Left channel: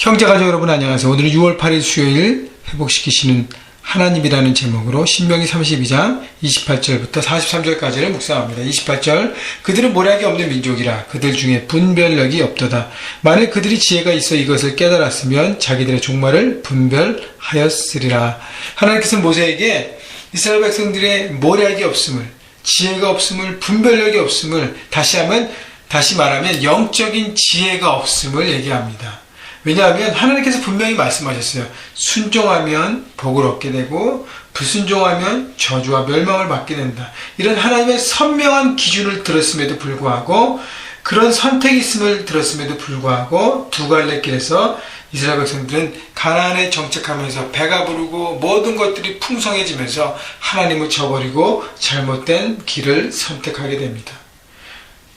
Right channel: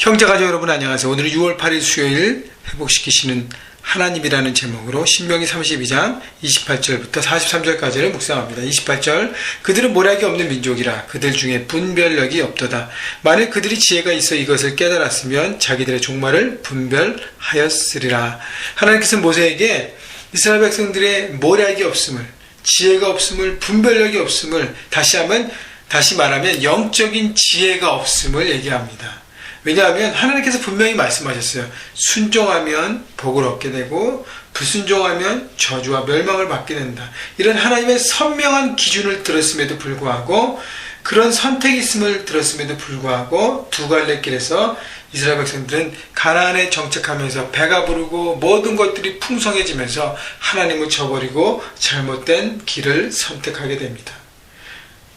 형제가족 여러분 안녕하세요. 오늘은 6월 8일 수요일 회복시키시는 하나님이라는 제목으로 신명기 32장 28절부터 43절까지를 묵상합니다. 28절 그들은 모략이 없는 민족이라 그들 중에 분별력이 없도다. 만일 그들이 지혜가 있어 이것을 깨달았으면 자기들의 종말을 분별하였으리라. 하나님께서 모세에게 이스라엘 백성들의 모략이 없음을, 지혜가 없음을, 분별력이 없음을, 다시 말하면 영적인 지혜가 없음을 얘기합니다. 왜냐하면 하나님께서 분명히 말씀하셨어요. 순종하면 복을 얻게 되고 불순종하면 저주와 멸망을 받게 된다. 이런 하나님의 선명한 기준을 들었음에도 불구하고, 그런 선택이 있음을 들었음에도 불구하고 두 갈래 길에서 이스라엘 백성들은 가나안에 정착하면서 배가 부르고 모든 것들이 풍성해지면서 하나님을 저버리고 잘못된 길을 선택하게 됩니다.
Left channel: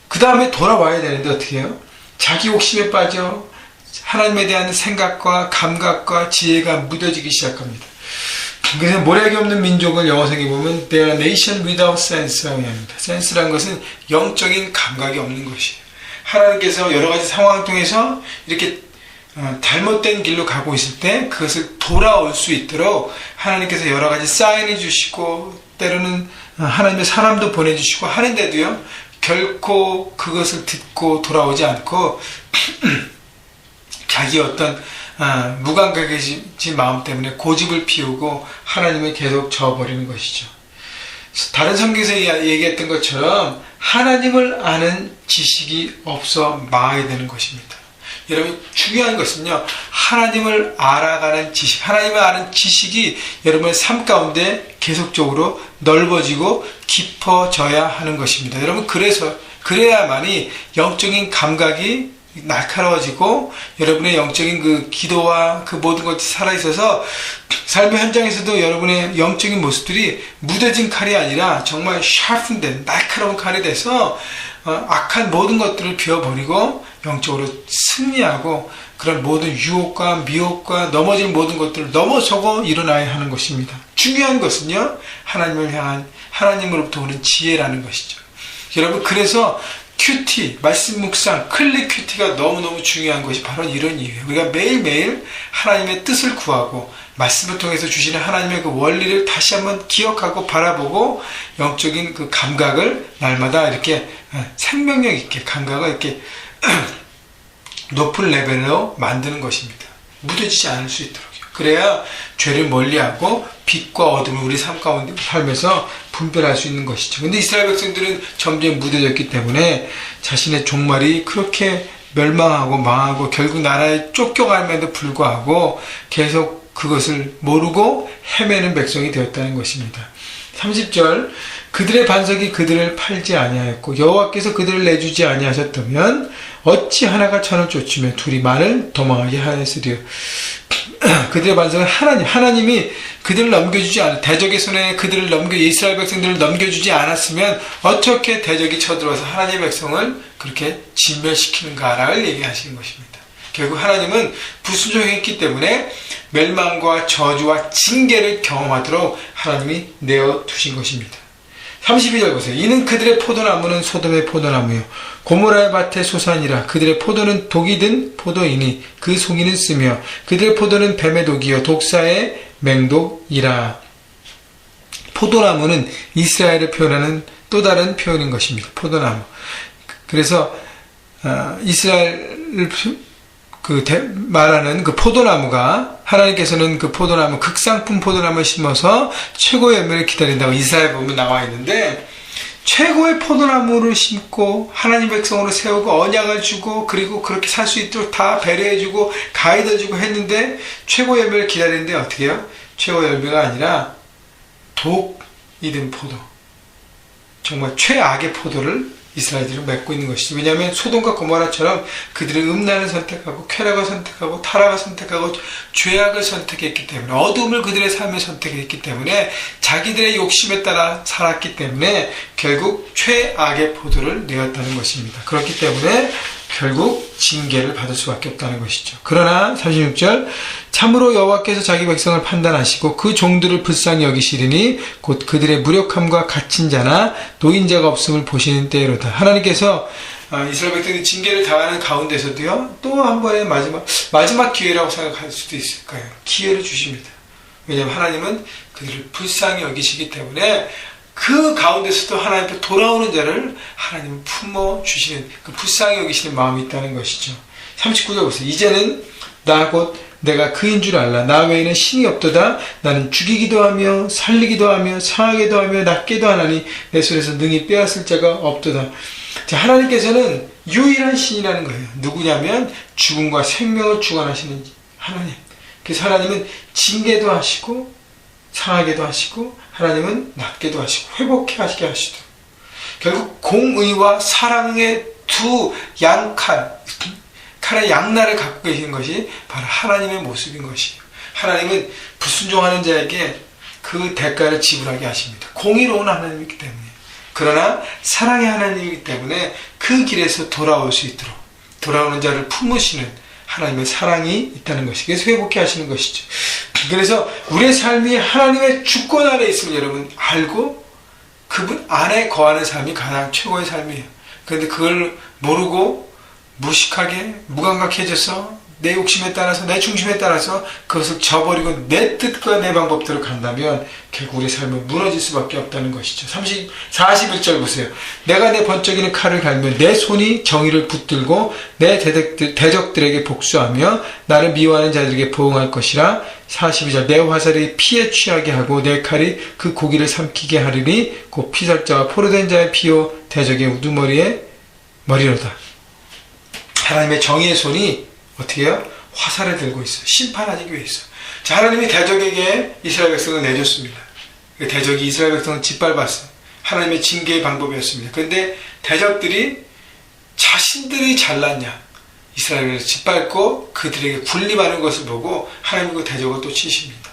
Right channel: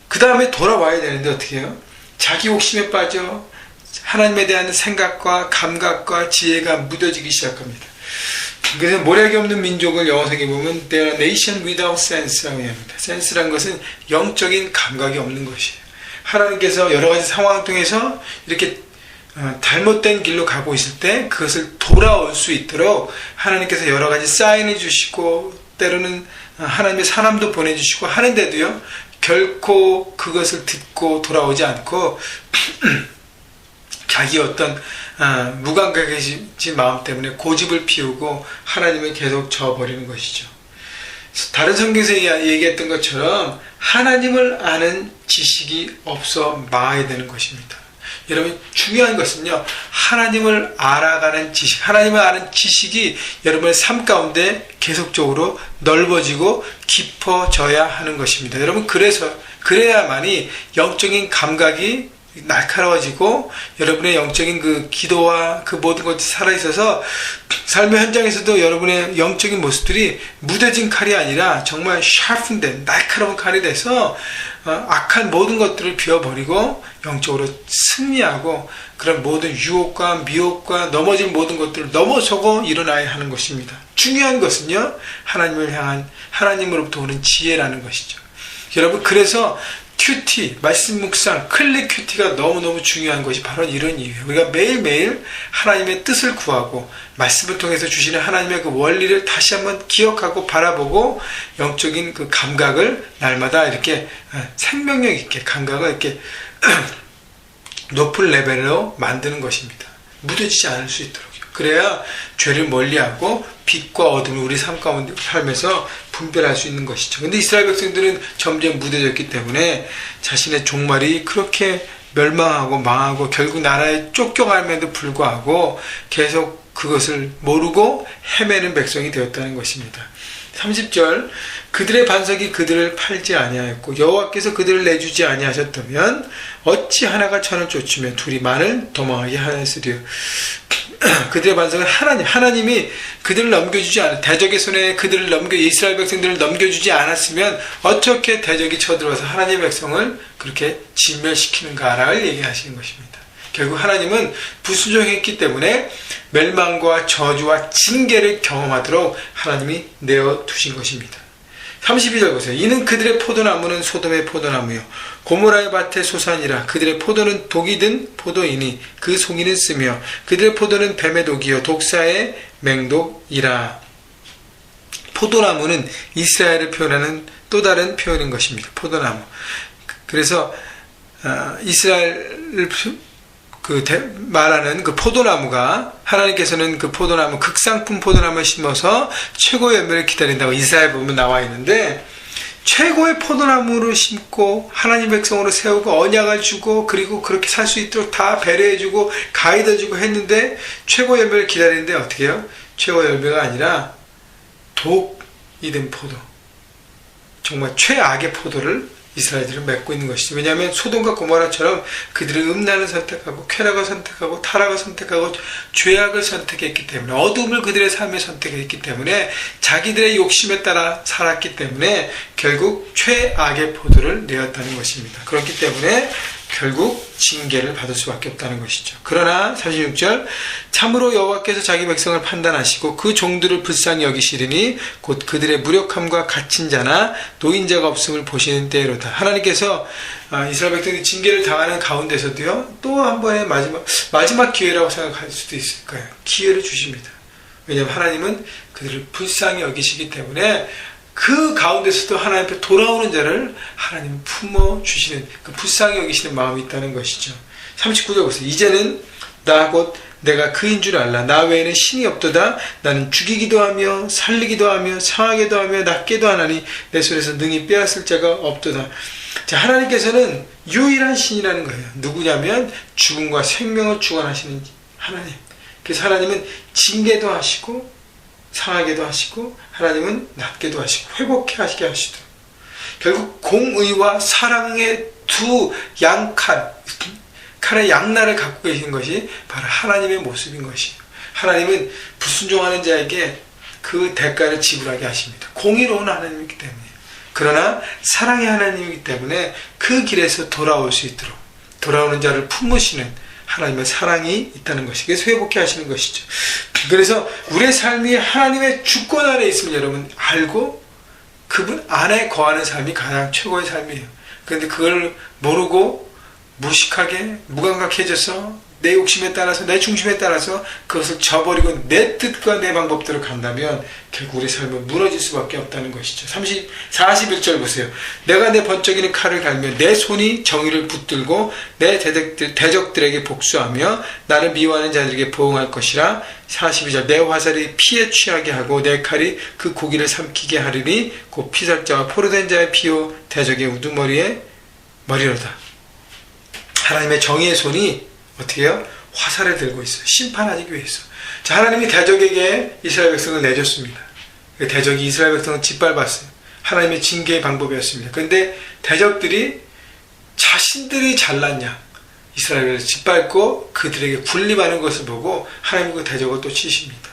그 다음에 돌아와야 되는데 어떻게 해요? 자기 욕심에 빠져 하나님에 대한 생각과 감각과 지혜가 무뎌지기 시작합니다. 그래서 모략이 없는 민족을 영어성에 보면 They are nation without sense라고 합니다. sense라는 것은 영적인 감각이 없는 것이에요. 하나님께서 여러 가지 상황 통해서 이렇게 잘못된 길로 가고 있을 때 그것을 돌아올 수 있도록 하나님께서 여러 가지 사인을 주시고 때로는 하나님의 사람도 보내주시고 하는데도요, 결코 그것을 듣고 돌아오지 않고 자기 어떤 무감각해진 마음 때문에 고집을 피우고 하나님을 계속 저어버리는 것이죠. 다른 성경에서 얘기했던 것처럼 하나님을 아는 지식이 없어 망하게 되는 것입니다. 여러분, 중요한 것은요, 하나님을 알아가는 지식, 하나님을 아는 지식이 여러분의 삶 가운데 계속적으로 넓어지고 깊어져야 하는 것입니다. 여러분, 그래야만이 영적인 감각이 날카로워지고 여러분의 영적인 그 기도와 그 모든 것이 살아있어서 삶의 현장에서도 여러분의 영적인 모습들이 무뎌진 칼이 아니라 정말 샤픈된 날카로운 칼이 돼서 악한 모든 것들을 비워버리고 영적으로 승리하고 그런 모든 유혹과 미혹과 넘어질 모든 것들을 넘어서고 일어나야 하는 것입니다. 중요한 것은요, 하나님을 향한 하나님으로부터 오는 지혜라는 것이죠. 여러분, 그래서 큐티, 말씀 묵상, 클릭 큐티가 너무너무 중요한 것이 바로 이런 이유예요. 우리가 매일매일 하나님의 뜻을 구하고 말씀을 통해서 주시는 하나님의 그 원리를 다시 한번 기억하고 바라보고 영적인 그 감각을 날마다 이렇게 생명력 있게 감각을 이렇게 높은 레벨로 만드는 것입니다. 묻어지지 않을 수 있도록. 그래야 죄를 멀리하고 빛과 어둠을 우리 삶 가운데 삶에서 분별할 수 있는 것이죠. 근데 이스라엘 백성들은 점점 무뎌졌기 때문에 자신의 종말이 그렇게 멸망하고 망하고 결국 나라에 쫓겨감에도 불구하고 계속 그것을 모르고 헤매는 백성이 되었다는 것입니다. 30절 그들의 반석이 그들을 팔지 아니하였고 여호와께서 그들을 내주지 아니하셨다면 어찌 하나가 천을 쫓으며 둘이 만을 도망하게 하였으리요. 그들의 반석은 하나님이 그들을 넘겨주지 않았, 대적의 손에 이스라엘 백성들을 넘겨주지 않았으면 어떻게 대적이 쳐들어와서 하나님의 백성을 그렇게 진멸시키는가를 얘기하시는 것입니다. 결국 하나님은 불순종했기 때문에 멸망과 저주와 징계를 경험하도록 하나님이 내어두신 것입니다. 32절 보세요. 이는 그들의 포도나무는 소돔의 포도나무요 고모라의 밭의 소산이라. 그들의 포도는 독이 든 포도이니 그 송이는 쓰며 그들의 포도는 뱀의 독이요 독사의 맹독이라. 포도나무는 이스라엘을 표현하는 또 다른 표현인 것입니다. 포도나무. 그래서 이스라엘을 말하는 그 포도나무가, 하나님께서는 그 포도나무, 극상품 포도나무를 심어서 최고의 열매를 기다린다고 이사야 보면 나와 있는데, 최고의 포도나무를 심고 하나님 백성으로 세우고 언약을 주고 그리고 그렇게 살 수 있도록 다 배려해주고 가이드해주고 했는데 최고의 열매를 기다리는데 어떻게 해요? 최고의 열매가 아니라 독이 든 포도, 정말 최악의 포도를 이스라엘들을 맺고 있는 것이죠. 왜냐하면 소돔과 고모라처럼 그들은 음란을 선택하고 쾌락을 선택하고 타락을 선택하고 죄악을 선택했기 때문에, 어둠을 그들의 삶에 선택했기 때문에, 자기들의 욕심에 따라 살았기 때문에 결국 최악의 포도를 내었다는 것입니다. 그렇기 때문에 결국 징계를 받을 수밖에 없다는 것이죠. 그러나 36절 참으로 여호와께서 자기 백성을 판단하시고 그 종들을 불쌍히 여기시리니 곧 그들의 무력함과 갇힌 자나 노인자가 없음을 보시는 때로다. 하나님께서 이스라엘 백성이 징계를 당하는 가운데서도요, 또 한 번의 마지막 기회라고 생각할 수도 있을 거예요. 기회를 주십니다. 왜냐하면 하나님은 그들을 불쌍히 여기시기 때문에 그 가운데서도 하나님 앞에 돌아오는 자를 하나님 품어주시는 그 불쌍히 여기시는 마음이 있다는 것이죠. 39절 보세요. 이제는 나 곧 내가 그인 줄 알라. 나 외에는 신이 없도다. 나는 죽이기도 하며 살리기도 하며 상하게도 하며 낫게도 하나니 내 손에서 능히 빼앗을 자가 없도다. 자, 하나님께서는 유일한 신이라는 거예요. 누구냐면 죽음과 생명을 주관하시는 하나님. 그래서 하나님은 징계도 하시고 상하게도 하시고 하나님은 낫게도 하시고 회복해 하시게 하시도. 결국 공의와 사랑의 두 칼의 양날을 갖고 계신 것이 바로 하나님의 모습인 것이에요. 하나님은 불순종하는 자에게 그 대가를 지불하게 하십니다. 공의로운 하나님이기 때문에. 그러나 사랑의 하나님이기 때문에 그 길에서 돌아올 수 있도록 돌아오는 자를 품으시는 하나님의 사랑이 있다는 것이 그래서 회복해 하시는 것이죠. 그래서 우리의 삶이 하나님의 주권 아래 있음을 여러분 알고 그분 안에 거하는 삶이 가장 최고의 삶이에요. 그런데 그걸 모르고 무식하게 무감각해져서 내 욕심에 따라서 내 중심에 따라서 그것을 저버리고 내 뜻과 내 방법대로 간다면 결국 우리 삶은 무너질 수밖에 없다는 것이죠. 41절 보세요. 내가 내 번쩍이는 칼을 갈며 내 손이 정의를 붙들고 내 대적들에게 복수하며 나를 미워하는 자들에게 보응할 것이라. 42절 내 화살이 피에 취하게 하고 내 칼이 그 고기를 삼키게 하리니 곧 피살자와 포로된 자의 피요 대적의 우두머리에 머리로다. 하나님의 정의의 손이 어떻게 해요? 화살을 들고 있어요. 심판하기 위해서. 자, 하나님이 대적에게 이스라엘 백성을 내줬습니다. 대적이 이스라엘 백성을 짓밟았어요. 하나님의 징계의 방법이었습니다. 그런데 대적들이 자신들이 잘났냐 이스라엘을 짓밟고 그들에게 군림하는 것을 보고 하나님은 그 대적을 또 치십니다.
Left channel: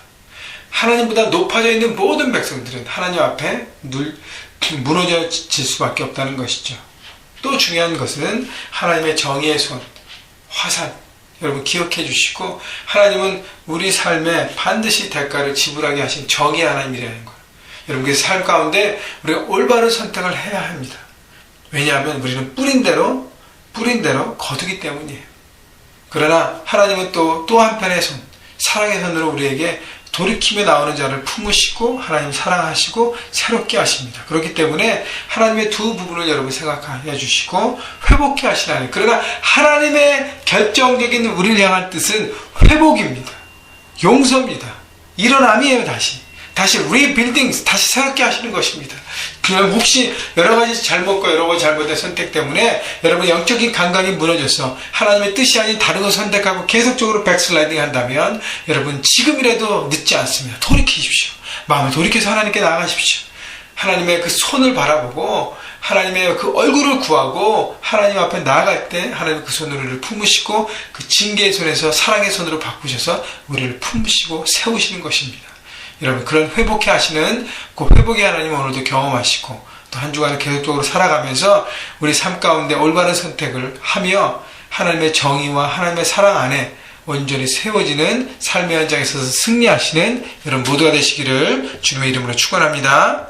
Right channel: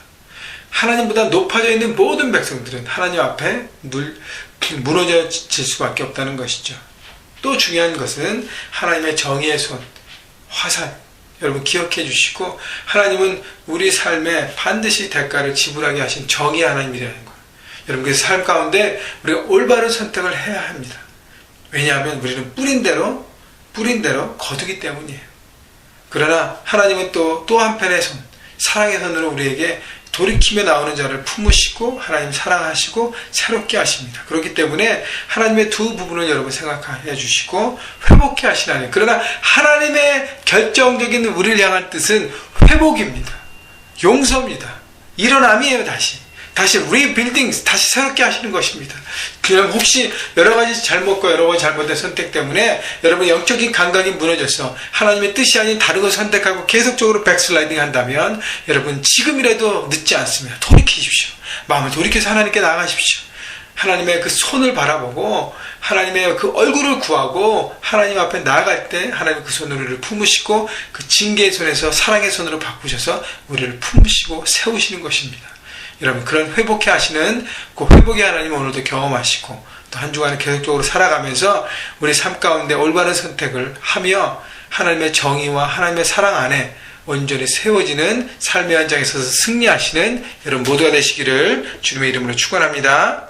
하나님보다 높아져 있는 모든 백성들은 하나님 앞에 무너질 수밖에 없다는 것이죠. 또 중요한 것은 하나님의 정의의 손, 화살, 여러분 기억해 주시고 하나님은 우리 삶에 반드시 대가를 지불하게 하신 정의 하나님이라는 거예요. 여러분 그래서 삶 가운데 우리가 올바른 선택을 해야 합니다. 왜냐하면 우리는 뿌린 대로 거두기 때문이에요. 그러나 하나님은 또 한편의 손, 사랑의 손으로 우리에게 돌이키며 나오는 자를 품으시고 하나님 사랑하시고 새롭게 하십니다. 그렇기 때문에 하나님의 두 부분을 여러분 생각해 주시고 회복해 하시라니. 그러나 하나님의 결정적인 우리를 향한 뜻은 회복입니다. 용서입니다. 일어남이에요. 다시 리빌딩, 다시 새롭게 하시는 것입니다. 그럼 혹시 여러 가지 잘못과 여러 가지 잘못된 선택 때문에 여러분 영적인 감각이 무너져서 하나님의 뜻이 아닌 다른 것을 선택하고 계속적으로 백슬라이딩 한다면 여러분 지금이라도 늦지 않습니다. 돌이키십시오. 마음을 돌이켜서 하나님께 나아가십시오. 하나님의 그 손을 바라보고 하나님의 그 얼굴을 구하고 하나님 앞에 나아갈 때 하나님 그 손으로 우리를 품으시고 그 징계의 손에서 사랑의 손으로 바꾸셔서 우리를 품으시고 세우시는 것입니다. 여러분 그런 회복해 하시는 그 회복의 하나님 오늘도 경험하시고 또 한 주간 계속적으로 살아가면서 우리 삶 가운데 올바른 선택을 하며 하나님의 정의와 하나님의 사랑 안에 온전히 세워지는 삶의 현장에 서서 승리하시는 여러분 모두가 되시기를 주님의 이름으로 축원합니다.